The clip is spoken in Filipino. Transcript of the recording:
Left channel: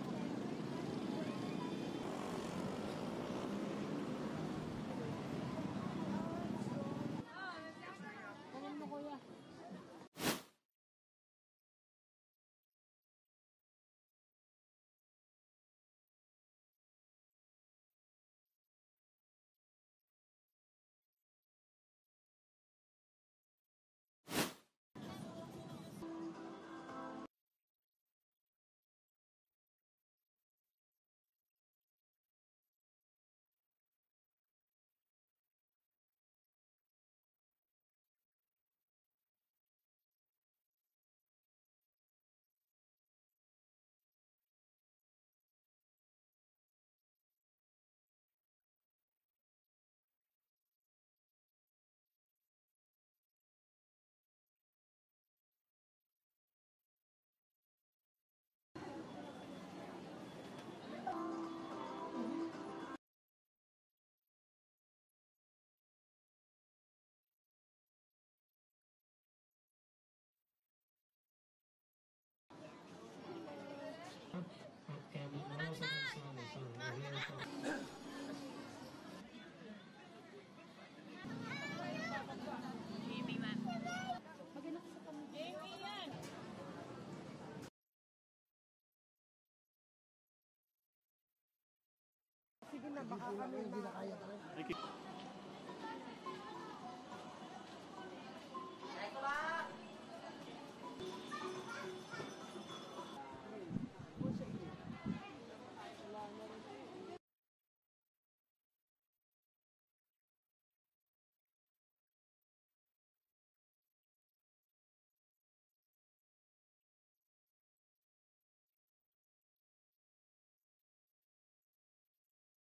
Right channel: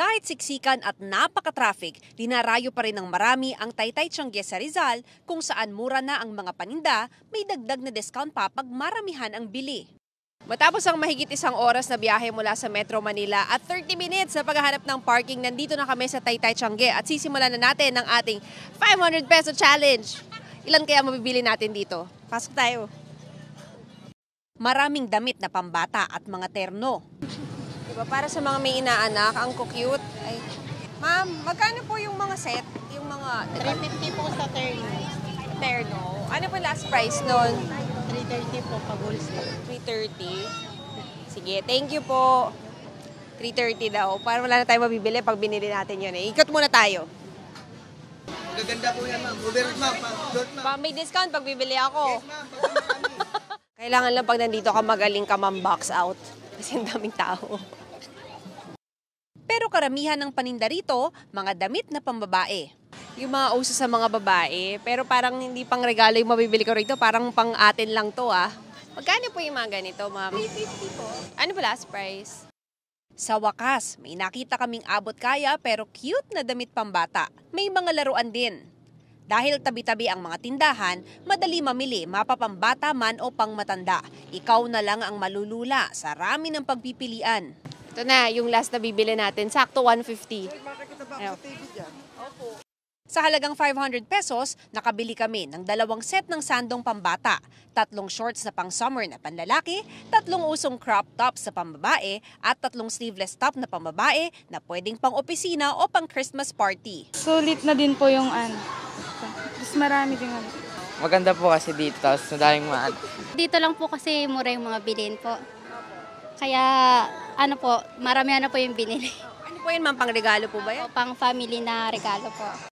Kahit siksikan at napaka-traffic, dinarayo pa rin ng marami ang Taytay Tiange sa Rizal kung saan mura na ang mga paninda, may dagdag na discount pa pag maramihan ang bili. Matapos ang mahigit isang oras na biyahe mula sa Metro Manila at 30 minutes sa paghahanap ng parking, nandito na kami sa Taytay Tiange at sisimulan na natin ang ating 500 peso challenge. Ilan kaya mabibili natin dito? Pasok tayo. Maraming damit na pambata at mga terno. Diba, para sa mga may inaanak, ang cute. Ay, ma'am, magkano po yung mga set? Yung mga 350 po sa terno. Ano po last price nun? 330 po pag wholesale. 330. Sige, thank you po. 330 daw. Para wala na tayo mabibili pag binili natin yun eh. Ikot muna tayo. Gaganda po yan, ma'am. Overall, ma'am. May discount pag bibili ako. Kailangan lang pag nandito ka magaling ka box out. Kasi ang daming tao. Pero karamihan ng paninda rito, mga damit na pambabae. Yung mga uso sa mga babae, pero parang hindi pang regalo yung mabibili ko rito, parang pang atin lang to ah. Magkano po yung mga ganito, ma'am? 350 po. Ano ba last price? Sa wakas, may nakita kaming abot kaya pero cute na damit pambata. May mga laruan din. Dahil tabi-tabi ang mga tindahan, madali mamili, mapapambata man o pangmatanda. Ikaw na lang ang malulula sa rami ng pagpipilian. Ito na, yung last na bibili natin, sakto 150. Ayaw. Sa halagang 500 pesos, nakabili kami ng 2 set ng sandong pambata, 3 shorts na pang summer na panlalaki, 3 usong crop tops sa pambabae, at 3 sleeveless top na pambabae na pwedeng pang opisina o pang Christmas party. Sulit na din po yung Mas marami din. Maganda po kasi dito, tapos madaling mahal. Dito lang po kasi mura yung mga bilhin po. Kaya maramihan na po yung binili. Ano po yun, ma'am? Pang regalo po ba yan? Pang family na regalo po.